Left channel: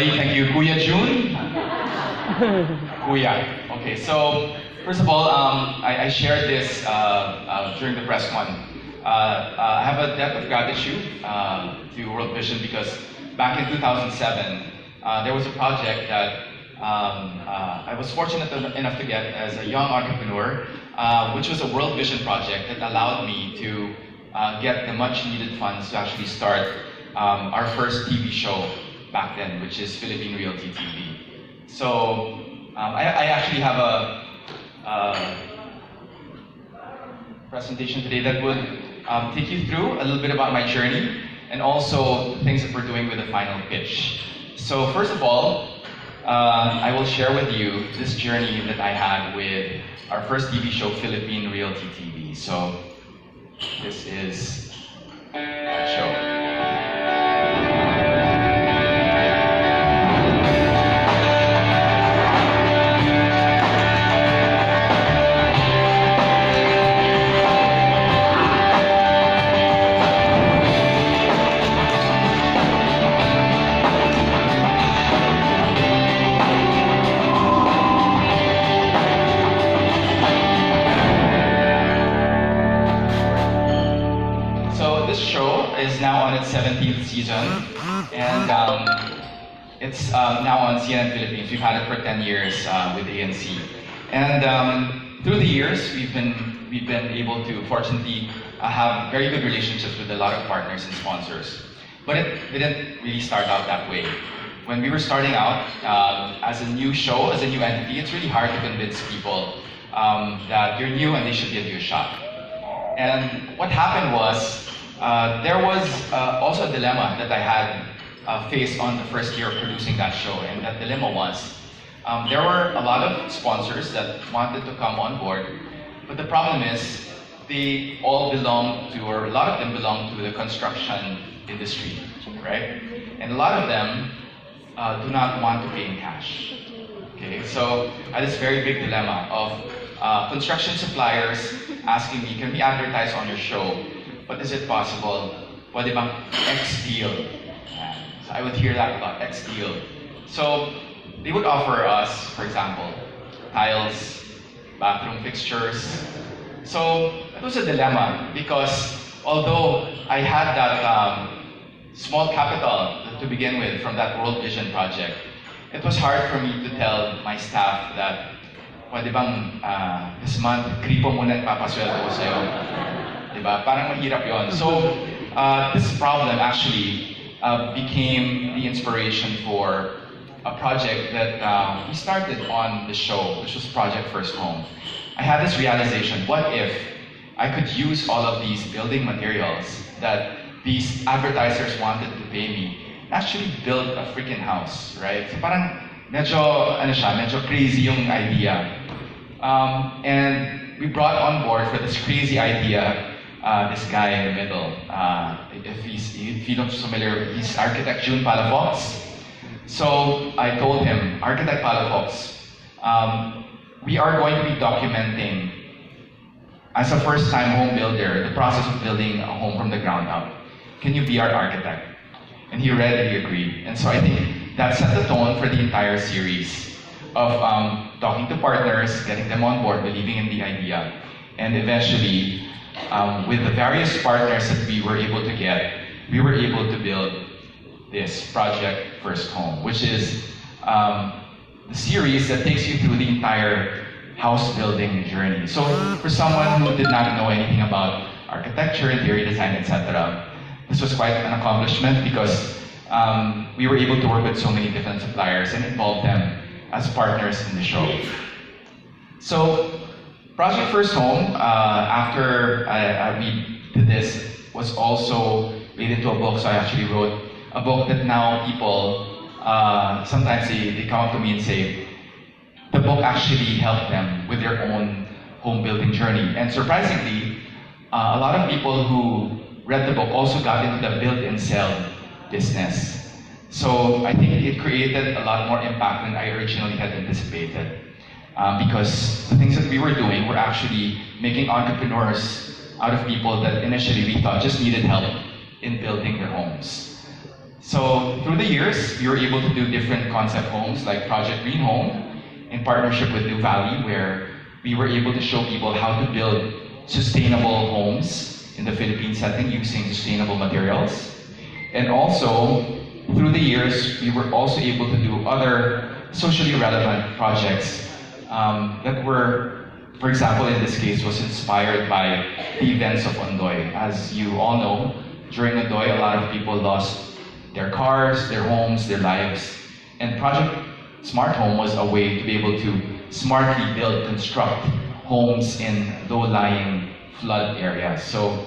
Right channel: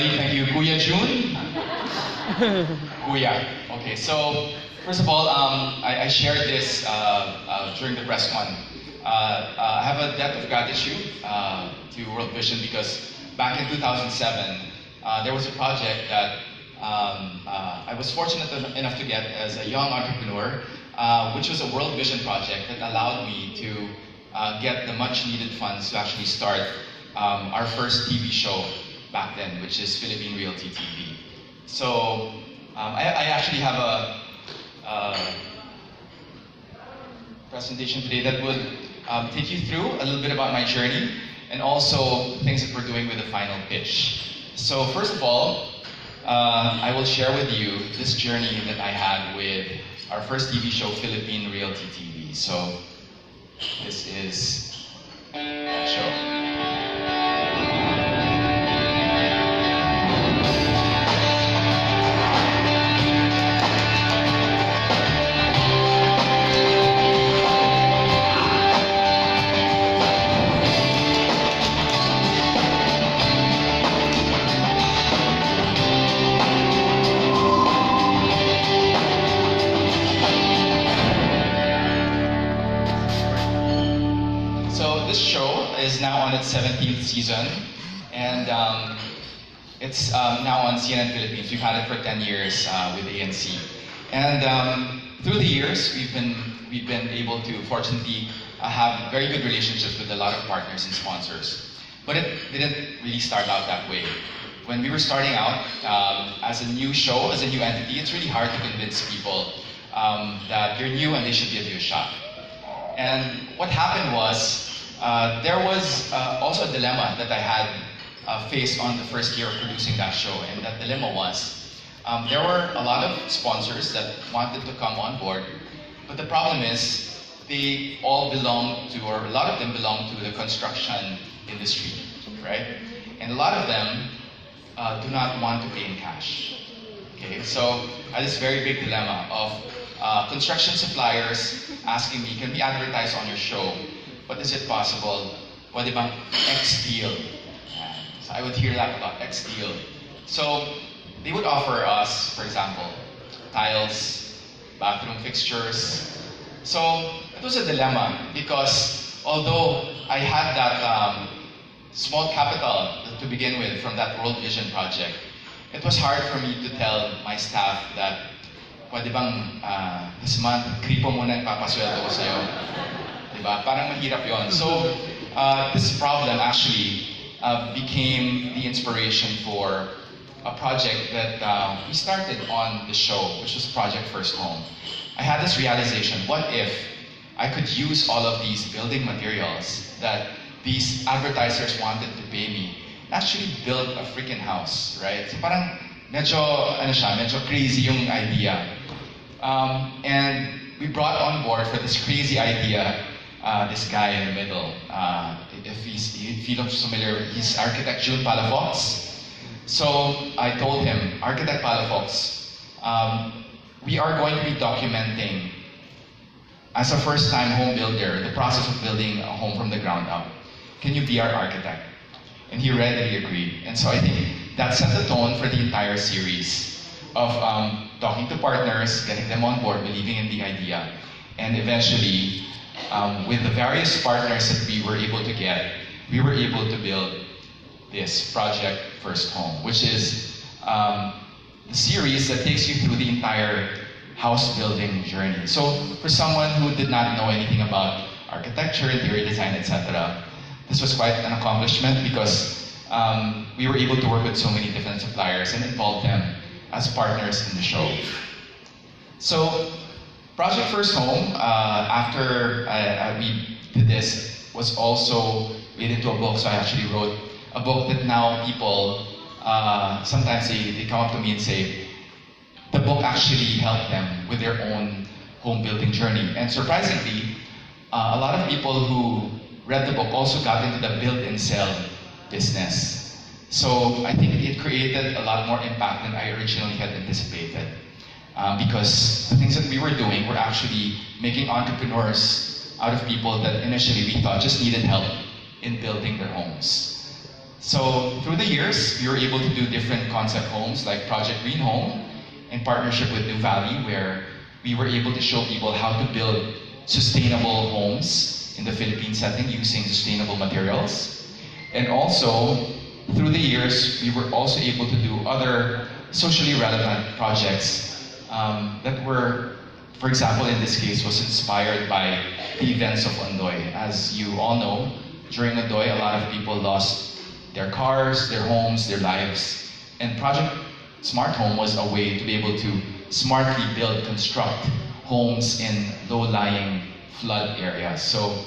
Ellie. Thank you, Kuya June. Kuya. Okay, so first of all, I shared this during the press con. I have a debt of gratitude to WorldVIsion because back in 2007, there was a project that I was fortunate enough to get as a young entrepreneur, which was a WorldVIsion project that allowed me to get the much needed funds to actually start our first TV show back then, which is Philippine Realty TV. So I actually have a presentation today that would take you through a little bit about my journey and also things that we're doing with the final pitch. So first of all, I will share with you this journey that I had with our first TV show, Philippine Realty TV. So this is that show. Is now on its 17th season, and it's now on CNN Philippines. We've had it for 10 years with ANC, and through the years, we've been able to fortunately have very good relationships with a lot of partners and sponsors. But it didn't really start out that way. When we were starting out as a new show, as a new entity, it's really hard to convince people that you're new and they should give you a shot. And what happened was, there was also a dilemma that I had faced on the first year of producing that show, and that dilemma was there were a lot of sponsors that wanted to come on board, but the problem is they all belong to, or a lot of them belong to the construction industry, right? And a lot of them do not want to pay in cash. Okay, so I had this very big dilemma of construction suppliers asking me, can we advertise on your show? But is it possible? Pwede bang X deal? So I would hear that a lot, X deal. So they would offer us, for example, tiles, bathroom fixtures. So it was a dilemma because although I had that small capital to begin with from that WorldVIsion project, it was hard for me to tell my staff that pwede bang this month, kripo muna yung papasweldo ko sa'yo. Diba? Parang mahirap yun. So this problem actually became the inspiration for a project that we started on the show, which was Project First Home. I had this realization, what if I could use all of these building materials that these advertisers wanted to pay me, actually build a freaking house, right? So parang medyo crazy yung idea. And we brought on board for this crazy idea this guy in the middle. If you look familiar, he's architect June Palafox. So I told him, Architect Palafox, we are going to be documenting, as a first-time home builder, the process of building a home from the ground up. Can you be our architect? And he readily agreed. And so I think that set the tone for the entire series of talking to partners, getting them on board, believing in the idea, and eventually, with the various partners that we were able to get, we were able to build this Project First Home, which is the series that takes you through the entire house building journey. So for someone who did not know anything about architecture, interior design, etc., this was quite an accomplishment because we were able to work with so many different suppliers and involve them as partners in the show. So Project First Home, after we did this, was also made into a book. So I actually wrote a book that now people, sometimes they come up to me and say, the book actually helped them with their own home building journey. And surprisingly, a lot of people who read the book also got into the build and sell business. So I think it created a lot more impact than I originally had anticipated. Because the things that we were doing were actually making entrepreneurs out of people that initially we thought just needed help in building their homes. So through the years, we were able to do different concept homes like Project Green Home in partnership with New Valley, where we were able to show people how to build sustainable homes in the Philippine setting using sustainable materials. And also, through the years, we were also able to do other socially relevant projects that were, for example, in this case, was inspired by the events of Ondoy. As you all know, during Ondoy, a lot of people lost their cars, their homes, their lives. And Project Smart Home was a way to be able to smartly build, construct homes in low-lying flood areas. So,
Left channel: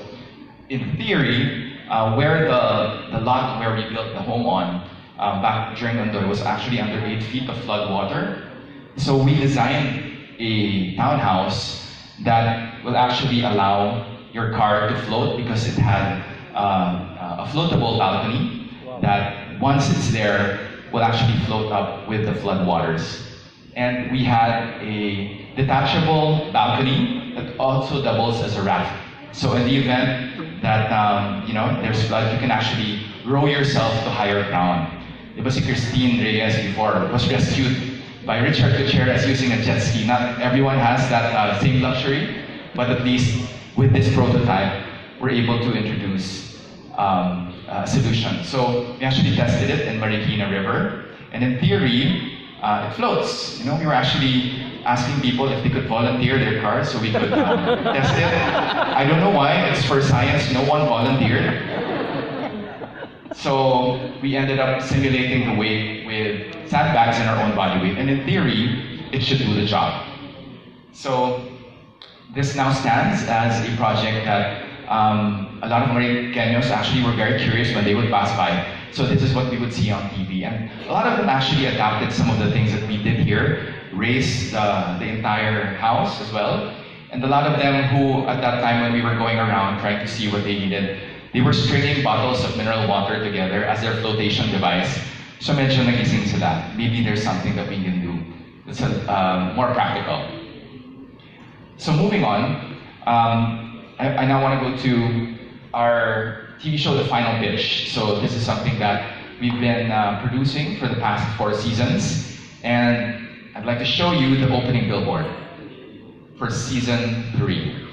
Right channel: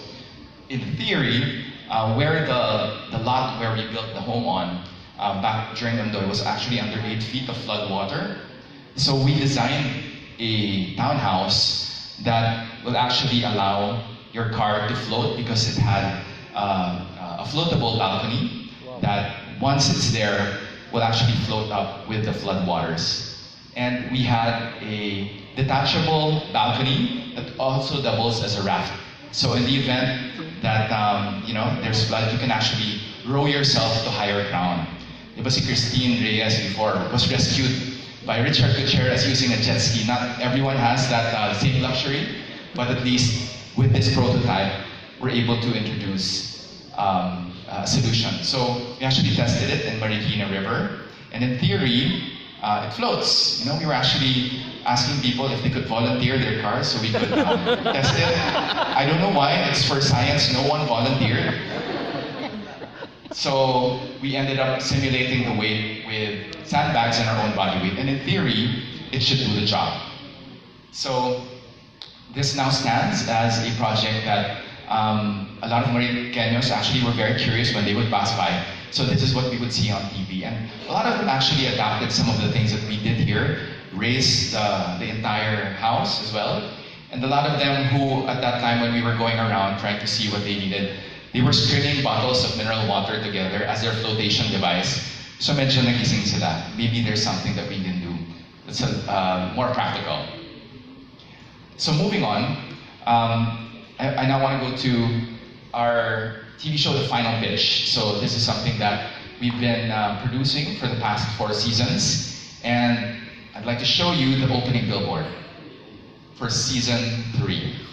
in theory, where the lot where we built the home on back during Ondoy was actually under 8 feet of flood water. So we designed a townhouse that will actually allow your car to float because it had a floatable balcony that once it's there will actually float up with the flood waters. And we had a detachable balcony that also doubles as a raft. So in the event that there's flood, you can actually row yourself to higher ground. Diba si Christine Reyes before was rescued by Richard Gutierrez using a jet ski. Not everyone has that same luxury, but at least with this prototype, we're able to introduce a solution. So we actually tested it in Marikina River, and in theory, it floats. We were actually asking people if they could volunteer their cars so we could test it. I don't know why, it's for science, no one volunteered. So we ended up simulating the weight with sandbags in our own body weight, and in theory, it should do the job. So this now stands as a project that a lot of Mariqueños actually were very curious when they would pass by. So this is what we would see on TV. And a lot of them actually adapted some of the things that we did here, raised the entire house as well. And a lot of them who, at that time when we were going around trying to see what they needed, they were stringing bottles of mineral water together as their flotation device. So medyo nagising sila. Maybe there's something that we can do that's more practical. So moving on, I now want to go to our TV show, The Final Pitch. So this is something that we've been producing for the past 4 seasons. And I'd like to show you the opening billboard for season 3.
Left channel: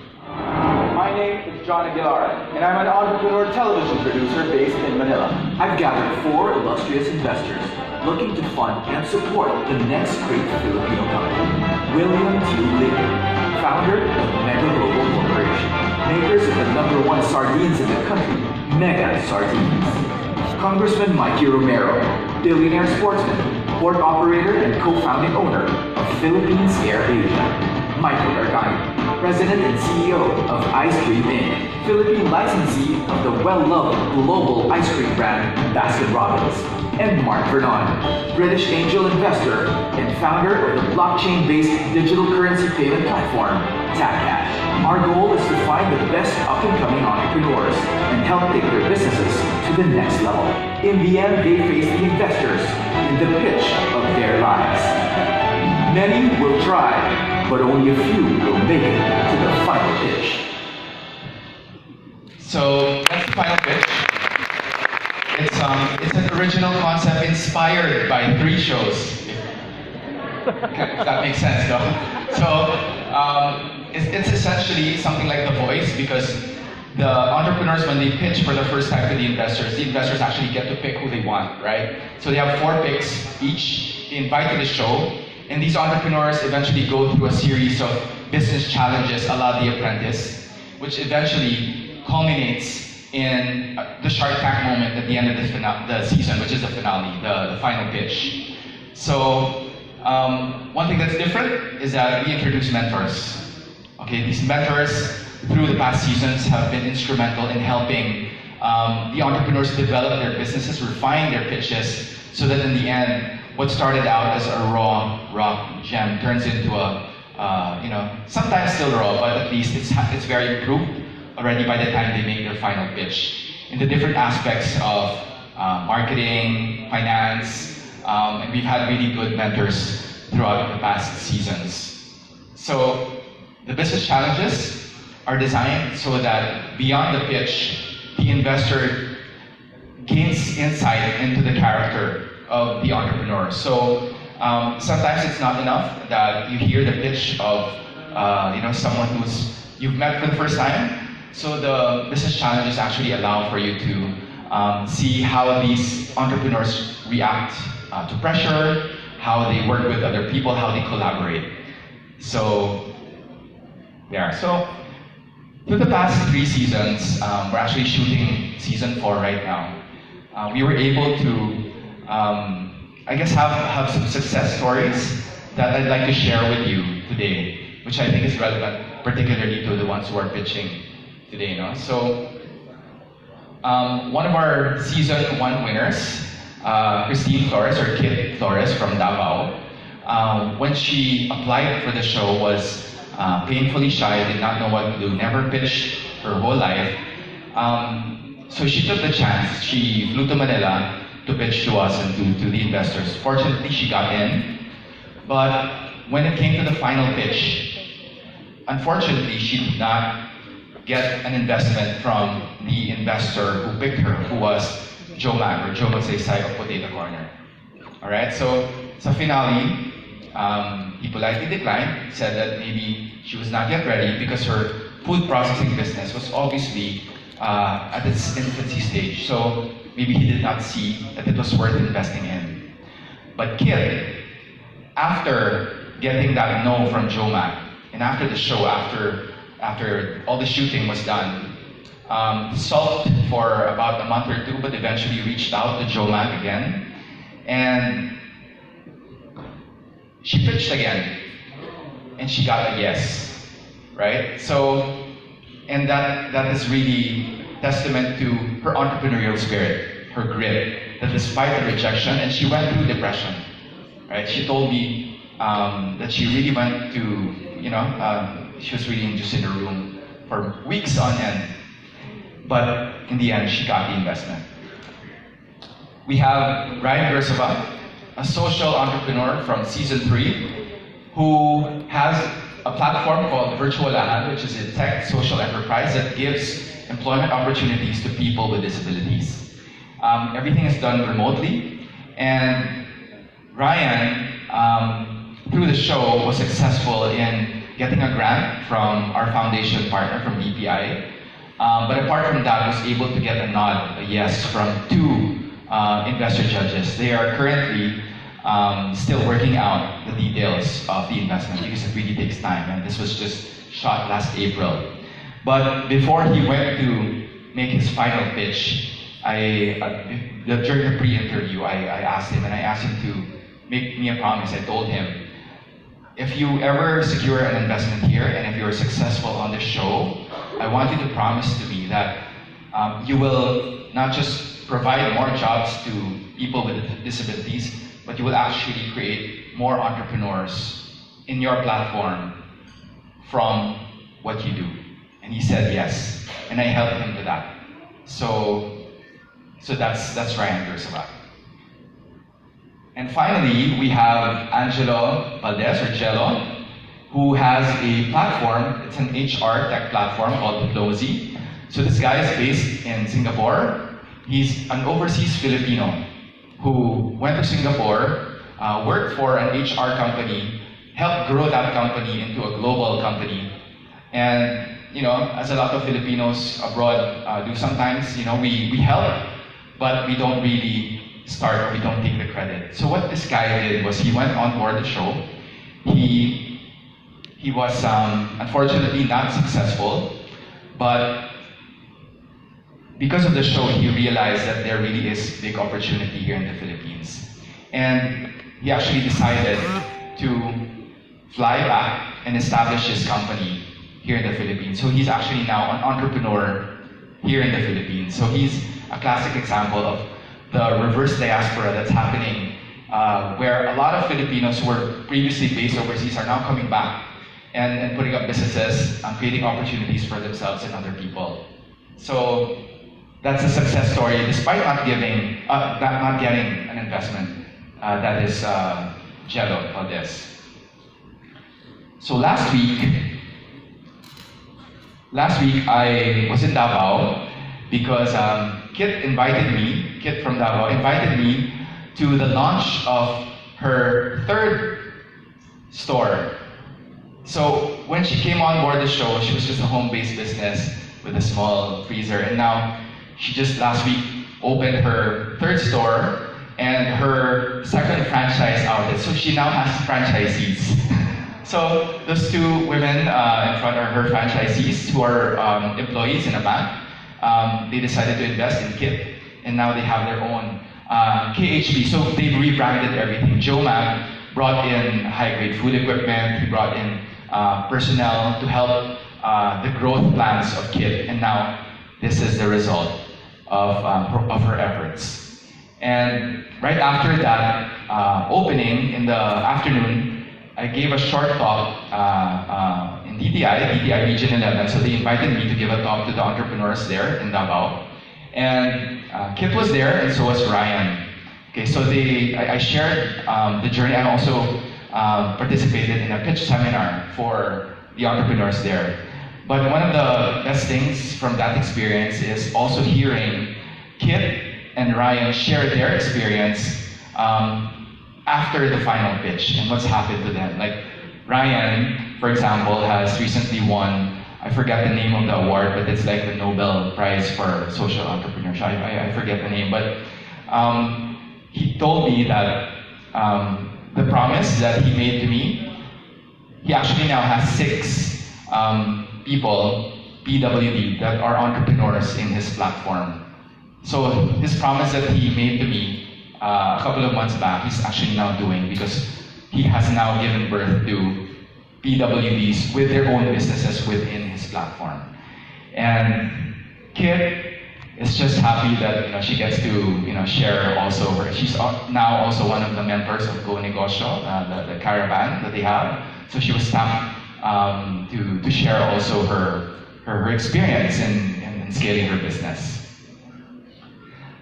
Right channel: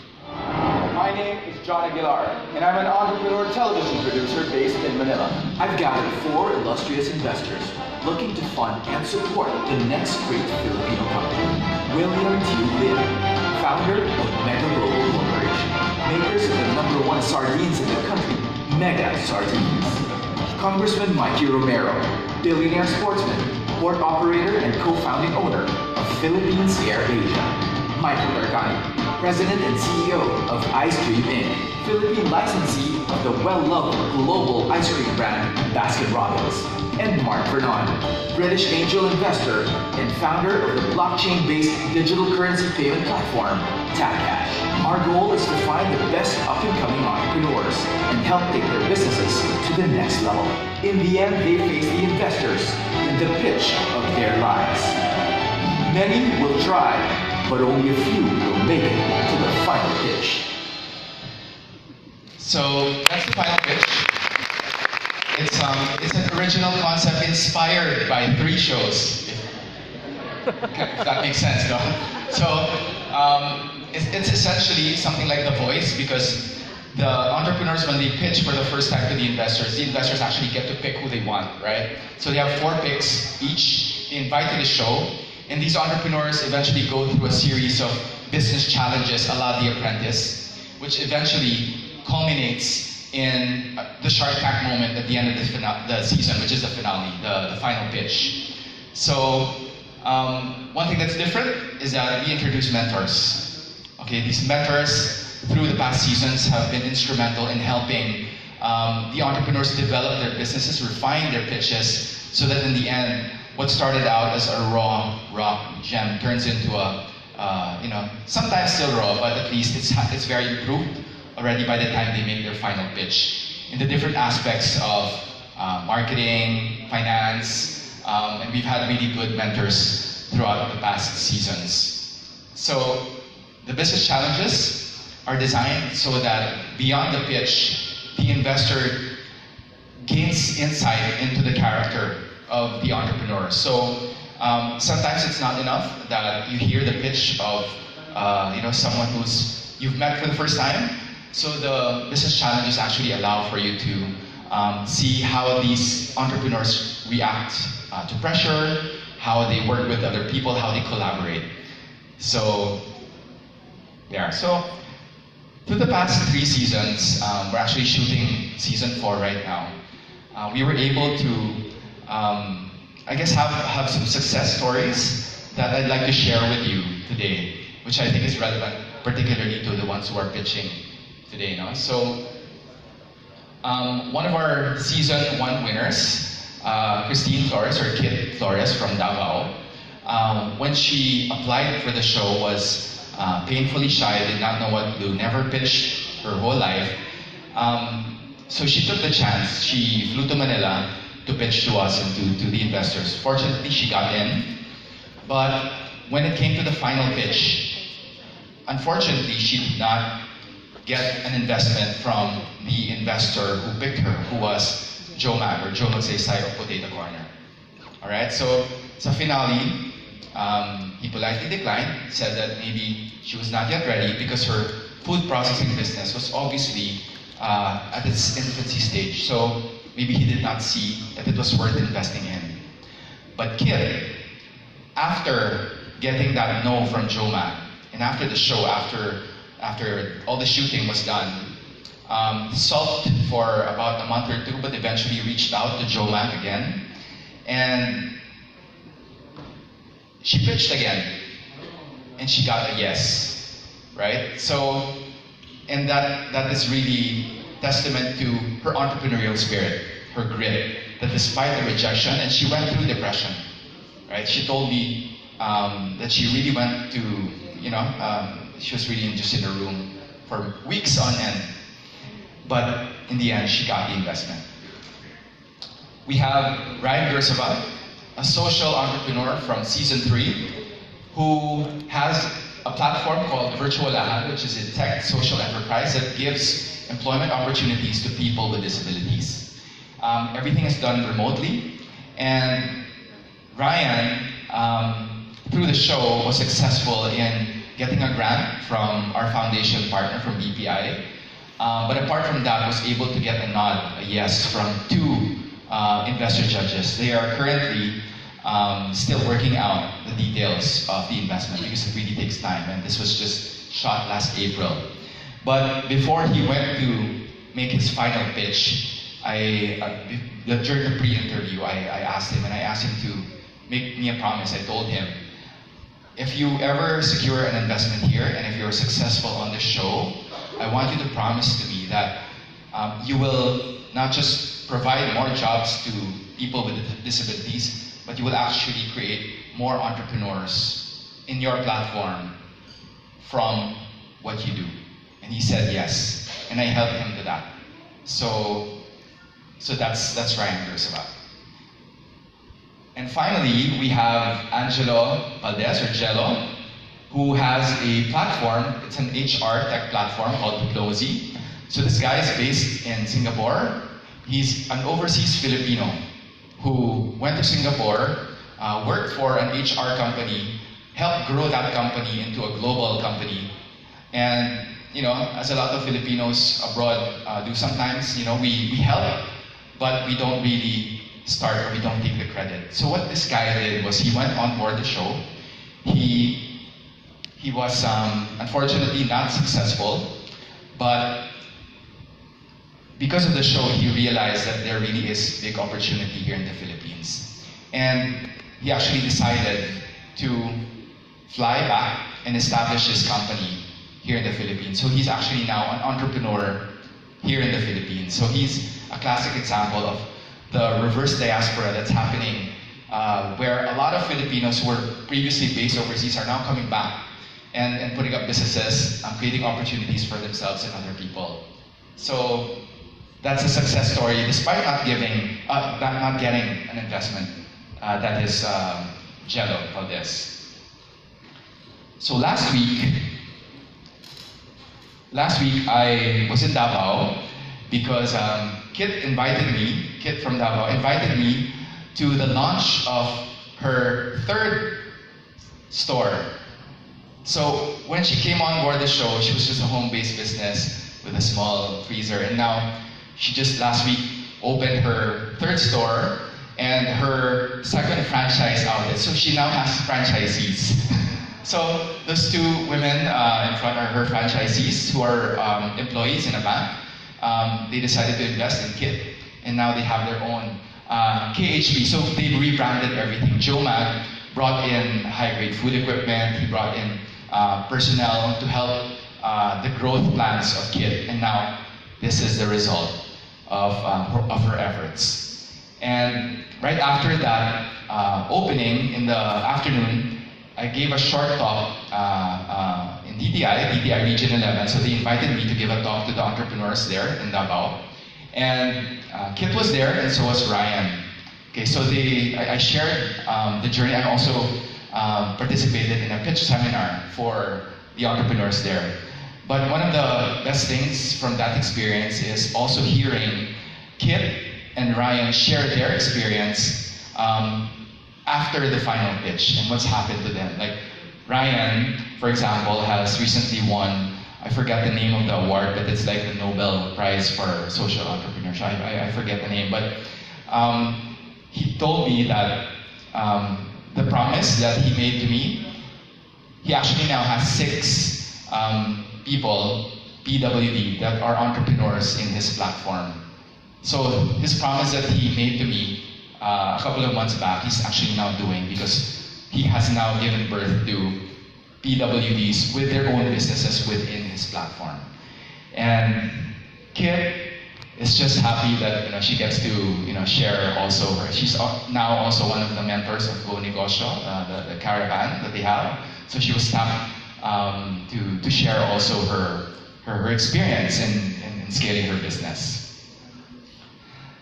My name is John Aguilar, and I'm an entrepreneur television producer based in Manila. I've gathered 4 illustrious investors looking to fund and support the next great Filipino company. William T. Lim, founder of Mega Global Corporation, makers of the #1 sardines in the country, Mega Sardines. Congressman Mikey Romero, billionaire sportsman, port operator and co-founding owner of Philippines Air Asia. Michael Gargani, President and CEO of Ice Cream Inc., Philippine licensee of the well-loved global ice cream brand Baskin-Robbins. And Mark Vernon, British angel investor and founder of the blockchain-based digital currency payment platform, TapCash. Our goal is to find the best up-and-coming entrepreneurs and help take their businesses to the next level. In the end, they face the investors in the pitch of their lives. Many will try, but only a few will make it to the final pitch. So that's the final pitch. It's an original concept inspired by 3 shows. If that makes sense, though. So it's essentially something like The Voice, because the entrepreneurs, when they pitch for the first time to the investors actually get to pick who they want, right? So they have 4 picks each. They invite to the show, and these entrepreneurs eventually go through a series of business challenges a la The Apprentice, which eventually culminates in the Shark Tank moment at the end of the season, which is the finale, the final pitch. So one thing that's different is that we introduce mentors. Okay, these mentors through the past seasons have been instrumental in helping the entrepreneurs develop their businesses, refine their pitches, so that in the end, what started out as a raw gem turns into a, sometimes still raw, but at least it's very improved already by the time they make their final pitch in the different aspects of marketing, finance, and we've had really good mentors throughout the past seasons. So the business challenges are designed so that beyond the pitch, the investor gains insight into the character of the entrepreneur. So sometimes it's not enough that you hear the pitch of someone who's you've met for the first time. So the business challenges actually allow for you to see how these entrepreneurs react to pressure, how they work with other people, how they collaborate. So there. So through the past 3 seasons, we're actually shooting season 4 right now. We were able to, have some success stories that I'd like to share with you today, which I think is relevant, particularly to the ones who are pitching today. So, one of our season 1 winners, Christine Flores, or Kit Flores from Davao, when she applied for the show, was painfully shy, did not know what to do, never pitched her whole life. So she took the chance. She flew to Manila to pitch to us and to the investors. Fortunately, she got in. But when it came to the final pitch, unfortunately, she did not get an investment from the investor who picked her, who was Joe Mac, or Joe S.I.C of Potato Corner. All right, so sa finale, he politely declined, said that maybe she was not yet ready because her food processing business was obviously at its infancy stage. So maybe he did not see that it was worth investing in. But Kit, after getting that no from Joe Mac, and after the show, after all the shooting was done, sulked for about a month or 2, but eventually reached out to Joe Mac again, and she pitched again, and she got a yes, right? So, and that is really testament to her entrepreneurial spirit, her grit, that despite the rejection, and she went through depression, right? She told me that she really went to, she was really just in her room for weeks on end. But in the end, she got the investment. We have Ryan Gersova, a social entrepreneur from season 3, who has a platform called Virtual Lab, which is a tech social enterprise that gives employment opportunities to people with disabilities. Everything is done remotely, and Ryan, through the show, was successful in getting a grant from our foundation partner from BPI. But apart from that, was able to get a nod, a yes, from 2 investor judges. They are currently still working out the details of the investment because it really takes time, and this was just shot last April. But before he went to make his final pitch, during the pre-interview, I asked him to make me a promise. I told him, if you ever secure an investment here, and if you're successful on the show, I want you to promise to me that you will not just provide more jobs to people with disabilities, but you will actually create more entrepreneurs in your platform from what you do. And he said yes, and I helped him to that. So that's Ryan Gersova. And finally, we have Angelo Valdez, or Jello, who has a platform. It's an HR tech platform called Diplomacy. So this guy is based in Singapore. He's an overseas Filipino who went to Singapore, worked for an HR company, helped grow that company into a global company. And as a lot of Filipinos abroad do sometimes, we help, but we don't really start, or we don't take the credit. So what this guy did was he went on board the show. He was unfortunately not successful, but because of the show, he realized that there really is big opportunity here in the Philippines. And he actually decided to fly back and establish his company here in the Philippines. So he's actually now an entrepreneur here in the Philippines. So he's a classic example of the reverse diaspora that's happening, where a lot of Filipinos who were previously based overseas are now coming back and putting up businesses and creating opportunities for themselves and other people. So that's a success story, despite not getting an investment. That is Jello Valdez. So last week I was in Davao, because Kit from Davao invited me to the launch of her third store. So when she came on board the show, she was just a home-based business with a small freezer, and now she just last week opened her third store and her second franchise outlet. So she now has franchisees. So those two women in front are her franchisees who are employees in a bank. They decided to invest in Kit, and now they have their own KHP. So they rebranded everything. Joe Mag brought in high-grade food equipment. He brought in personnel to help the growth plans of Kit, and now this is the result of her efforts. And right after that opening in the afternoon, I gave a short talk in DTI Region 11. So they invited me to give a talk to the entrepreneurs there in Davao. And Kit was there, and so was Ryan. Okay, so I shared the journey. I also participated in a pitch seminar for the entrepreneurs there. But one of the best things from that experience is also hearing Kit and Ryan share their experience after the final pitch and what's happened to them. Like Ryan, for example, has recently won, I forget the name of the award, but it's like the Nobel Prize for Social Entrepreneurship. I forget the name, but he told me that the promise that he made to me, he actually now has 6 people, PWD, that are entrepreneurs in his platform. So his promise that he made to me a couple of months back, he's actually now doing, because he has now given birth to PWDs with their own businesses within his platform. And Kit is just happy that she gets to share also her. She's now also one of the members of Go Negosyo, the caravan that they have. So she was tapped to share also her experience in scaling her business.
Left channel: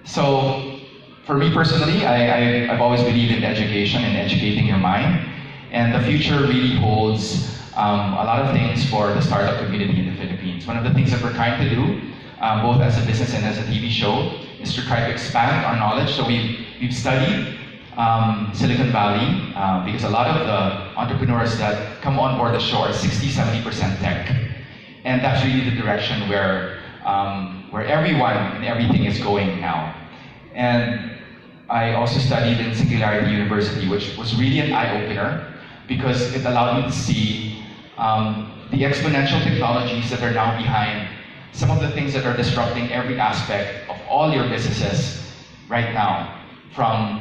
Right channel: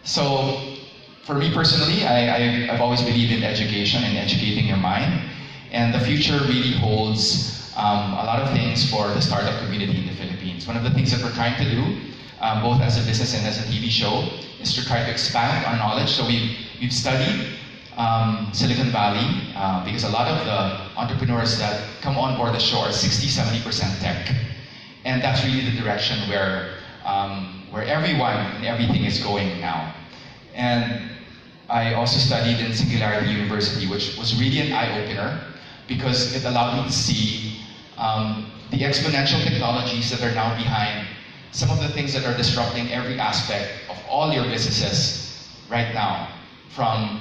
So for me personally, I've always believed in education and educating your mind. And the future really holds a lot of things for the startup community in the Philippines. One of the things that we're trying to do, both as a business and as a TV show, is to try to expand our knowledge. So we've studied Silicon Valley because a lot of the entrepreneurs that come on board the show are 60-70% tech. And that's really the direction where everyone and everything is going now. And I also studied in Singularity University, which was really an eye-opener because it allowed me to see the exponential technologies that are now behind some of the things that are disrupting every aspect of all your businesses right now, from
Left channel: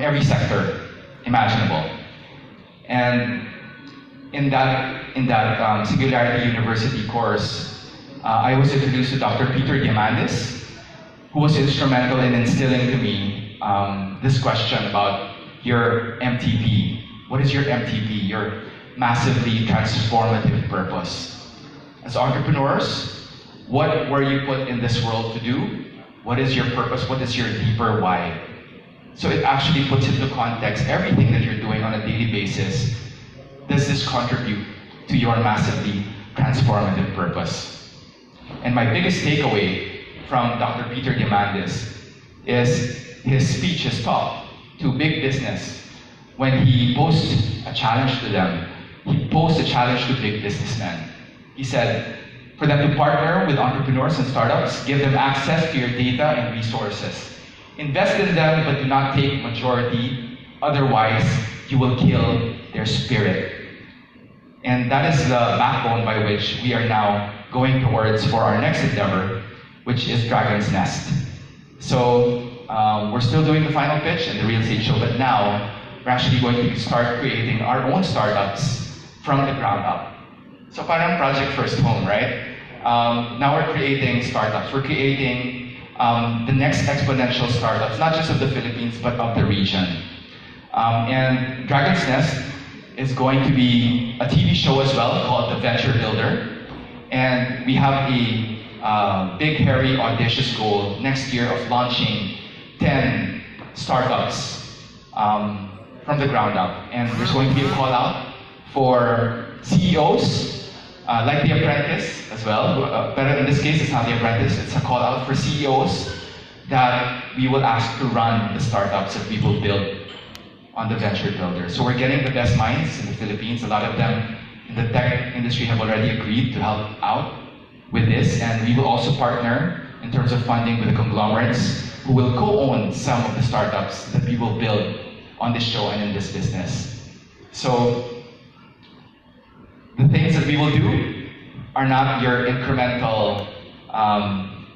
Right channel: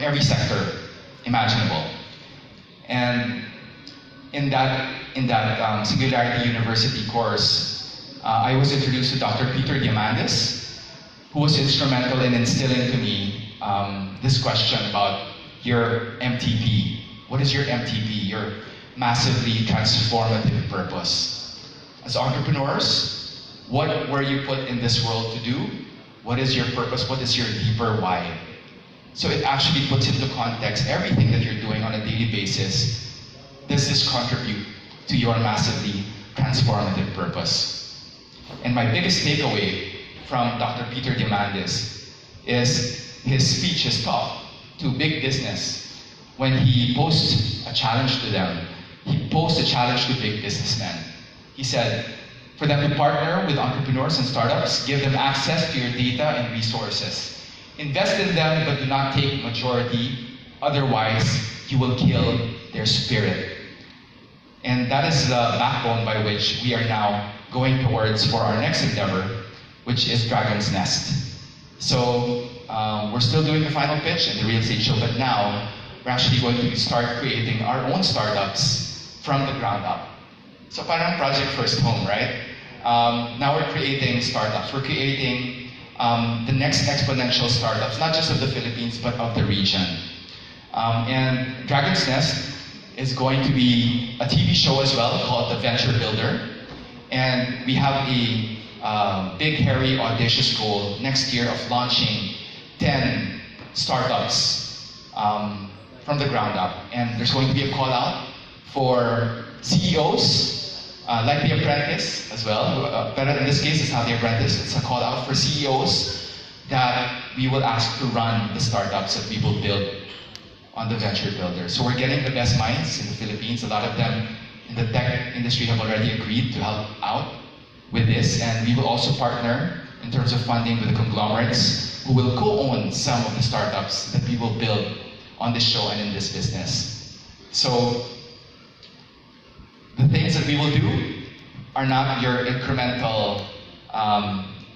every sector imaginable. And in that Singularity University course, I was introduced to Dr. Peter Diamandis, who was instrumental in instilling to me this question about your MTP. What is your MTP, your massively transformative purpose? As entrepreneurs, what were you put in this world to do? What is your purpose? What is your deeper why? So it actually puts into context everything that you're doing on a daily basis. Does this contribute to your massively transformative purpose? And my biggest takeaway from Dr. Peter Diamandis is his speech, his talk to big business. When he posed a challenge to them, he posed a challenge to big businessmen. He said, for them to partner with entrepreneurs and startups, give them access to your data and resources. Invest in them, but do not take majority, otherwise you will kill their spirit. And that is the backbone by which we are now going towards for our next endeavor, which is Dragon's Nest. So we're still doing the final pitch and the real estate show, but now we're actually going to start creating our own startups from the ground up. So parang Project First Home, right? Now we're creating startups. We're creating the next exponential startups, not just of the Philippines, but of the region. And Dragon's Nest is going to be a TV show as well called The Venture Builder. And we have a big, hairy, audacious goal next year of launching 10 startups from the ground up. And there's going to be a call out for CEOs like The Apprentice as well, but in this case it's not The Apprentice, it's a call out for CEOs that we will ask to run the startups that we will build on the Venture Builder. So we're getting the best minds in the Philippines. A lot of them in the tech industry have already agreed to help out with this, and we will also partner in terms of funding with the conglomerates who will co-own some of the startups that we will build on this show and in this business. So the things that we will do are not your incremental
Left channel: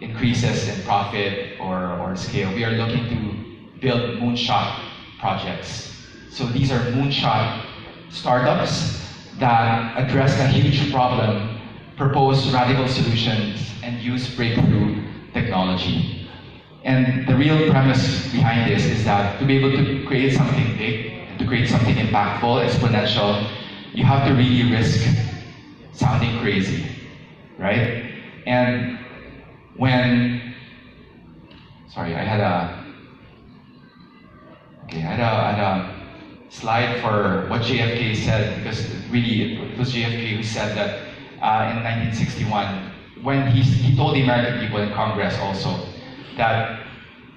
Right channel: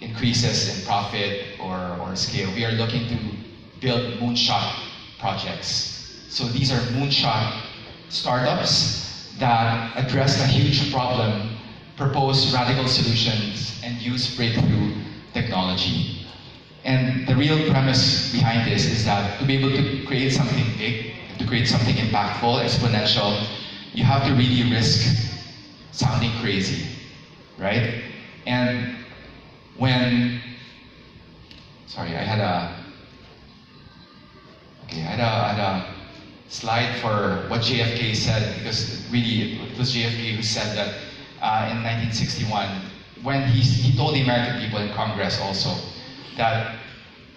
increases in profit or scale. We are looking to build moonshot projects. So these are moonshot startups that address a huge problem, propose radical solutions, and use breakthrough technology. And the real premise behind this is that to be able to create something big, to create something impactful, exponential, you have to really risk sounding crazy, right? And when, sorry, I had a slide for what JFK said, because really it was JFK who said that in 1961, when he told the American people in Congress also that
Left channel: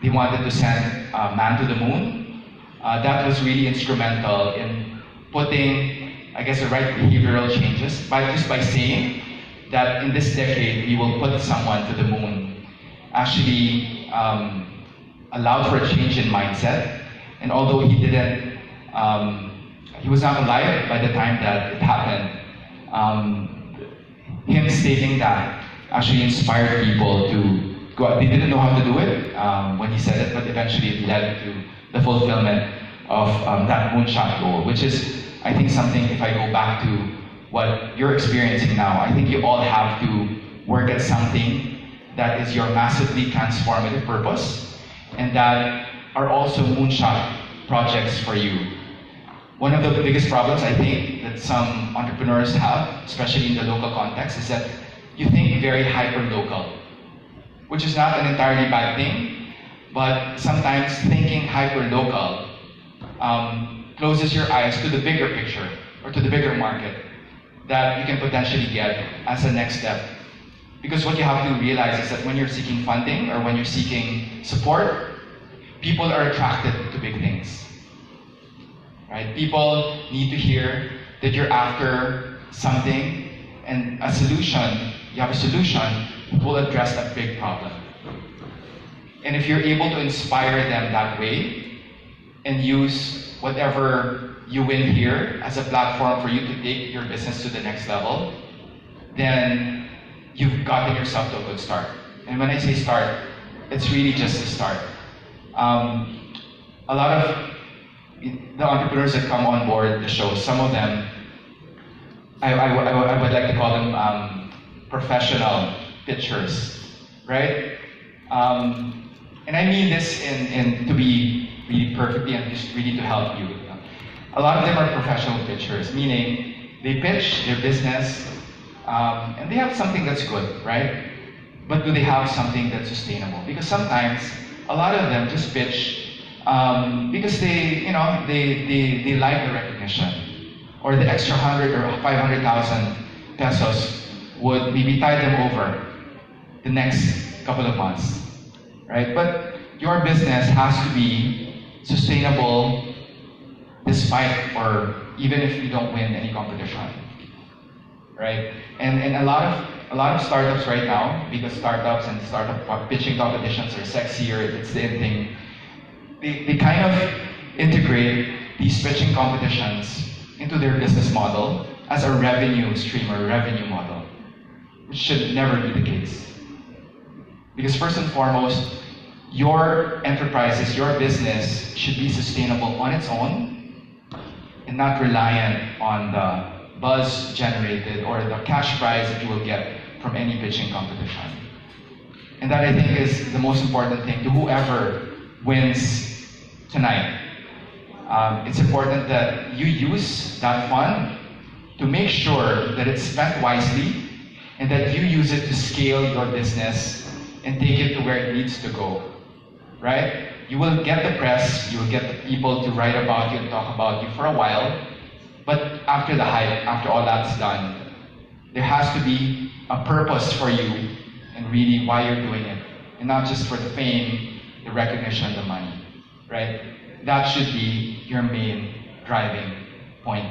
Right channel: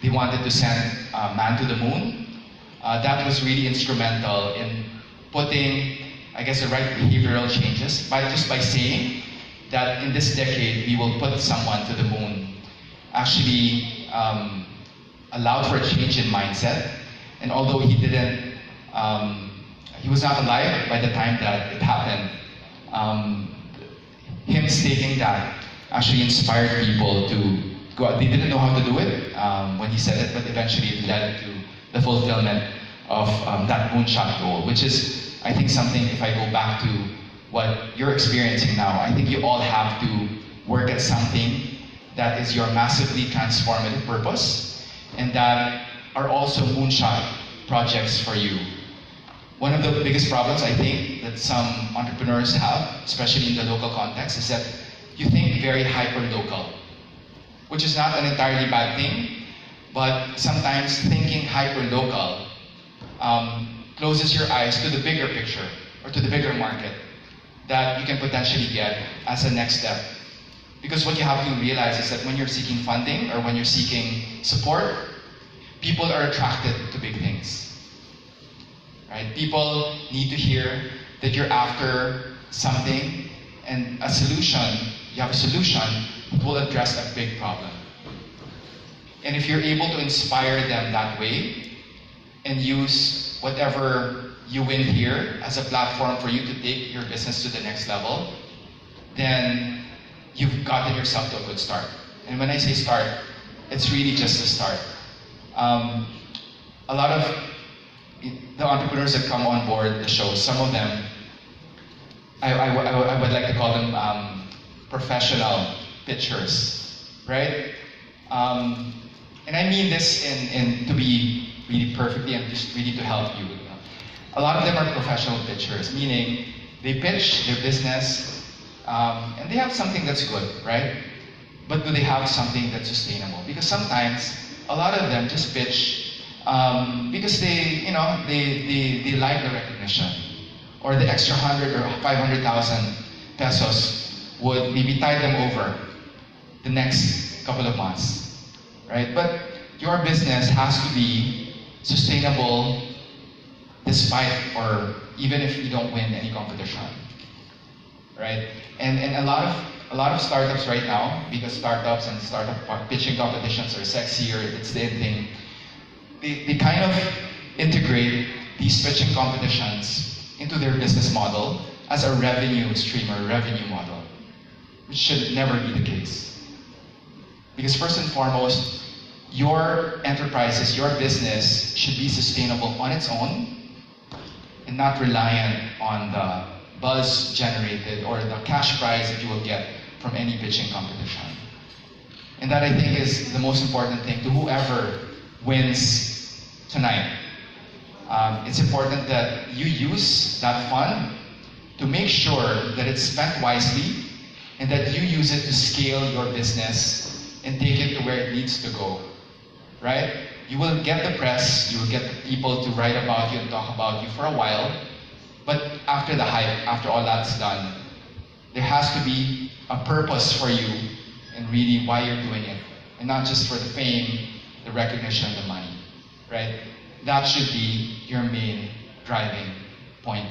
they wanted to send man to the moon. That was really instrumental in putting, I guess, the right behavioral changes just by saying that in this decade we will put someone to the moon. Actually allowed for a change in mindset, and although he didn't, he was not alive by the time that it happened. Him stating that actually inspired people to go out. They didn't know how to do it when he said it, but eventually it led to the fulfillment of that moonshot goal, which is, I think, something, if I go back to what you're experiencing now, I think you all have to work at something that is your massively transformative purpose, and that are also moonshot projects for you. One of the biggest problems, I think, that some entrepreneurs have, especially in the local context, is that you think very hyper-local, which is not an entirely bad thing, but sometimes thinking hyper-local closes your eyes to the bigger picture, or to the bigger market that you can potentially get as a next step. Because what you have to realize is that when you're seeking funding, or when you're seeking support, people are attracted to big things. Right? People need to hear that you're after something, and a solution, you have a solution that will address a big problem. And if you're able to inspire them that way, and use whatever you win here as a platform for you to take your business to the next level, then you've gotten yourself to a good start. And when I say start, it's really just a start. A lot of the entrepreneurs that come on board the show, some of them, I would like to call them professional pitchers, right? And I mean this in to be really perfectly and just really to help you. A lot of them are professional pitchers, meaning they pitch their business and they have something that's good, right? But do they have something that's sustainable? Because sometimes a lot of them just pitch because they like the recognition, or the extra 100 or 500,000 pesos would maybe tide them over the next couple of months, right? But your business has to be sustainable despite, or even if you don't win any competition, right? And a lot of startups right now, because startups and startup pitching competitions are sexier, it's the in thing. They kind of integrate these pitching competitions into their business model as a revenue stream or revenue model, which should never be the case. Because first and foremost, your enterprises, your business should be sustainable on its own and not reliant on the buzz generated or the cash prize that you will get from any pitching competition. And that, I think, is the most important thing to whoever wins tonight. It's important that you use that fund to make sure that it's spent wisely and that you use it to scale your business and take it to where it needs to go, right? You will get the press, you will get the people to write about you and talk about you for a while, but after the hype, after all that's done, There has to be a purpose for you and really why you're doing it. And not just for the fame, the recognition, the money, right? That should be your main driving point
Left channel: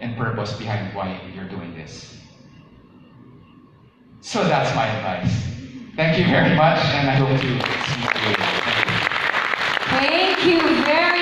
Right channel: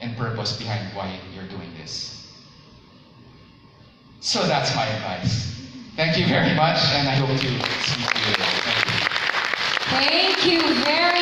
and purpose behind why you're doing this. So that's my advice. Thank you very much, and I hope to see you later. Thank you. Thank you very